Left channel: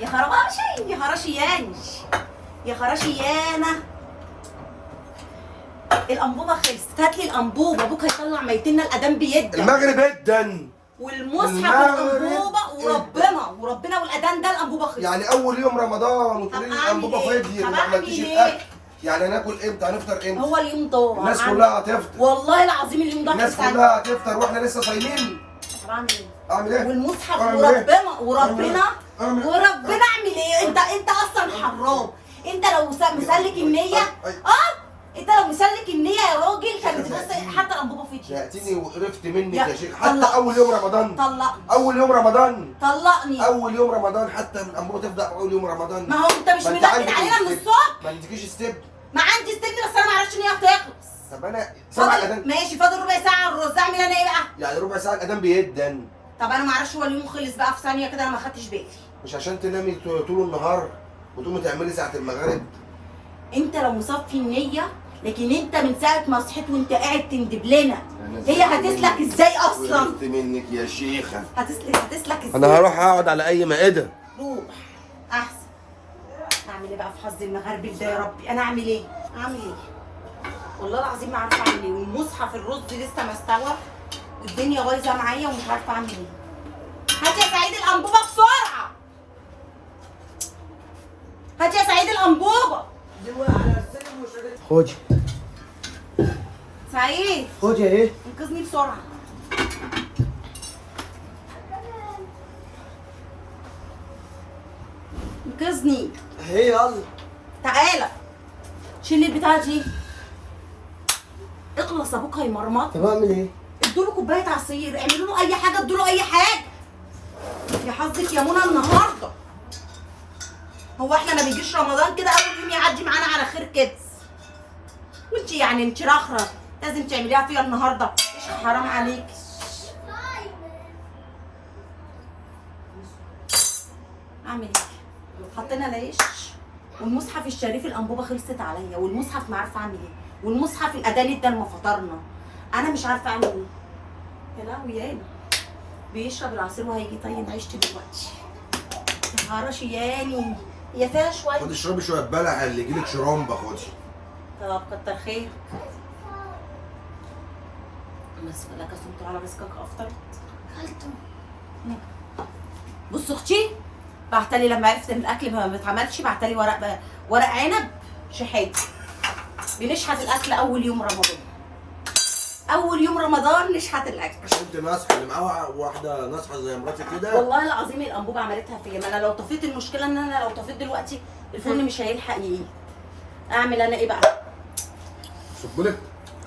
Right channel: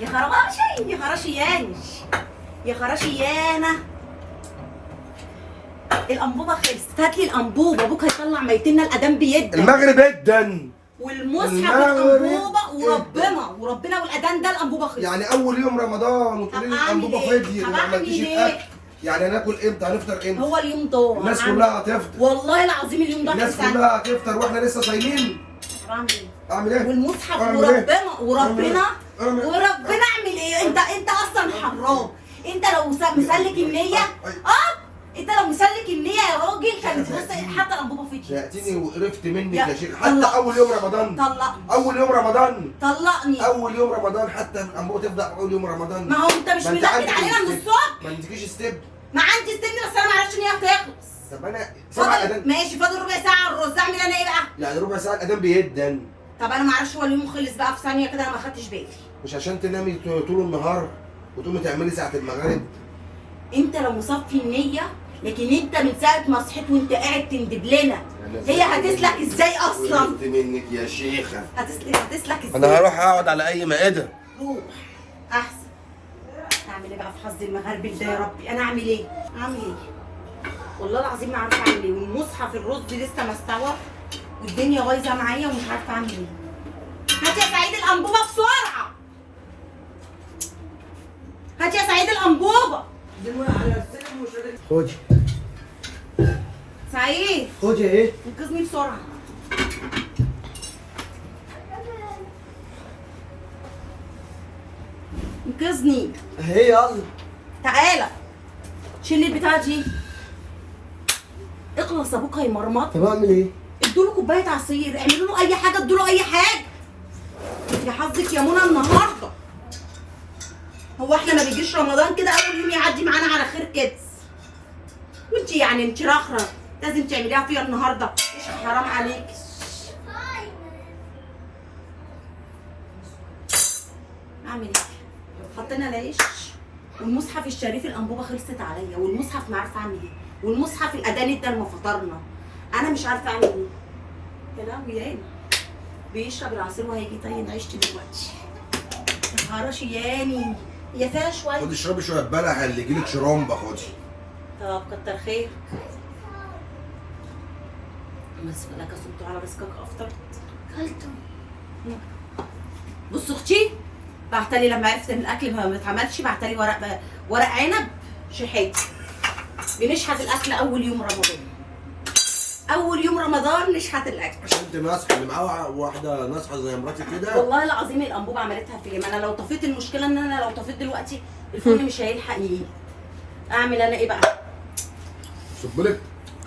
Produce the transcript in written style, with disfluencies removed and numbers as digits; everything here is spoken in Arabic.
يا خراشي يا خراشياني يا خراشيانه. الانبوبه خلصت، هات لي الانبوبه، ابوك هيطلع ميتنا الاذان بيدك. المغرب جدا والمصحف الانبوبه وربنا والاذان ده الانبوبه خلصت. يعني اول يوم رمضان وتقولي لي الانبوبه فضيت وما عملتيش الاكل. يعني هناكل امتى؟ هنفطر امتى؟ هو اليوم ده الناس كلها هتفطر والله العظيم اليوم ده الناس كلها هتفطر واحنا لسه صايمين. اعمل ايه؟ اعمل ايه؟ والمصحف وربنا اعمل ايه؟ انت اصلا حرام. انت لو مسلك النية انت لو مسلك النية يا راجل كانت حتى الانبوبه فيك. شقتيني وقرفت منك يا شيخ. حتى اول يوم رمضان اول يوم رمضان طلقني. اول يوم رمضان حتى الانبوبه تبدا اول يوم رمضان. ما هو انت مش متاكد علينا من الصبح. ما عندكيش ستيب. ما عندي ستيب بس انا ما اعرفش ان هي هتخلص. طب انا سامع الاذان ماشي فاضل ربع ساعه على الرز، اعمل انا ايه بقى؟ يعني ربع ساعه الاذان بيدن. طب انا ما اعرفش هو اليوم خلص بقى في ثانيه كده، انا ما خدتش بالي. مش عشان تنامي طول النهار وتقومي تعملي ساعه المغرب. انت لو مصفي النيه، لكن انت من ساعه ما صحيت وانت قاعد تندب لنا. هي هتسلك ازاي اصلا؟ قرفت منك يا شيخه. هتسلك ازاي؟ انا هروح اقعد على اي مائده. روح احسن. اعمل ايه بقى في حظ المغرب ده يا ربي؟ انا اعمل ايه؟ اعمل ايه؟ والله العظيم ما عارفه اعمل ايه، والمصحف الرز لسه ما استوى والدنيا بايظه معايا ومش عارفه اعمل ايه. هات يا سعيد الانبوبه بسرعه. هات يا سعيد الانبوبه. خدي سعيد خدي اهي. انقذني بسرعه. انقذني اهي يلا تعالى شيل البتاعه دي. اخلص ابوك هيمرمط. طب اعمل ايه؟ ادوا له كوبايه عصير، اعملوا له اي حاجه، ادوا له اي حاجه. يا حظك يا منى النهارده. هو احنا ما بيجيش رمضان كده اول يوم يعدي معانا على خير كده؟ وانت يعني انت رخره لازم تعمليها فيها النهارده؟ ايش حرام عليك. اعمل ايه؟ حطينا العيش والمصحف الشريف الانبوبه خلصت عليا، والمصحف ما عارفه اعمل ايه، والمصحف الاذان ادى لما فطرنا. انا مش عارفه اعمل ايه. يا لهوي يا بيشرب العصير وهيجي يطين عيشتي دلوقتي. يا خراشي ياني هي فيها شويه. خدي اشربي شويه بلح اللي يجيلك شرامبه خدي. طب كتر خير. بس لك صمت على مسكك افطر كلته. بص اختي بعتلي لما عرفت ان الاكل ما اتعملش، بعتلي ورق عنب شحات. بنشحت الاكل اول يوم رمضان. اول يوم رمضان نشحت الاكل. عشان انت ماسحه اللي معاه واحده ناصحه زي مراتي كده. والله العظيم الانبوبه عملتها فيا. ما انا لو طفيت، المشكله ان انا لو طفيت دلوقتي الفرن مش هيلحق يجي. اعمل انا ايه بقى؟ صب لك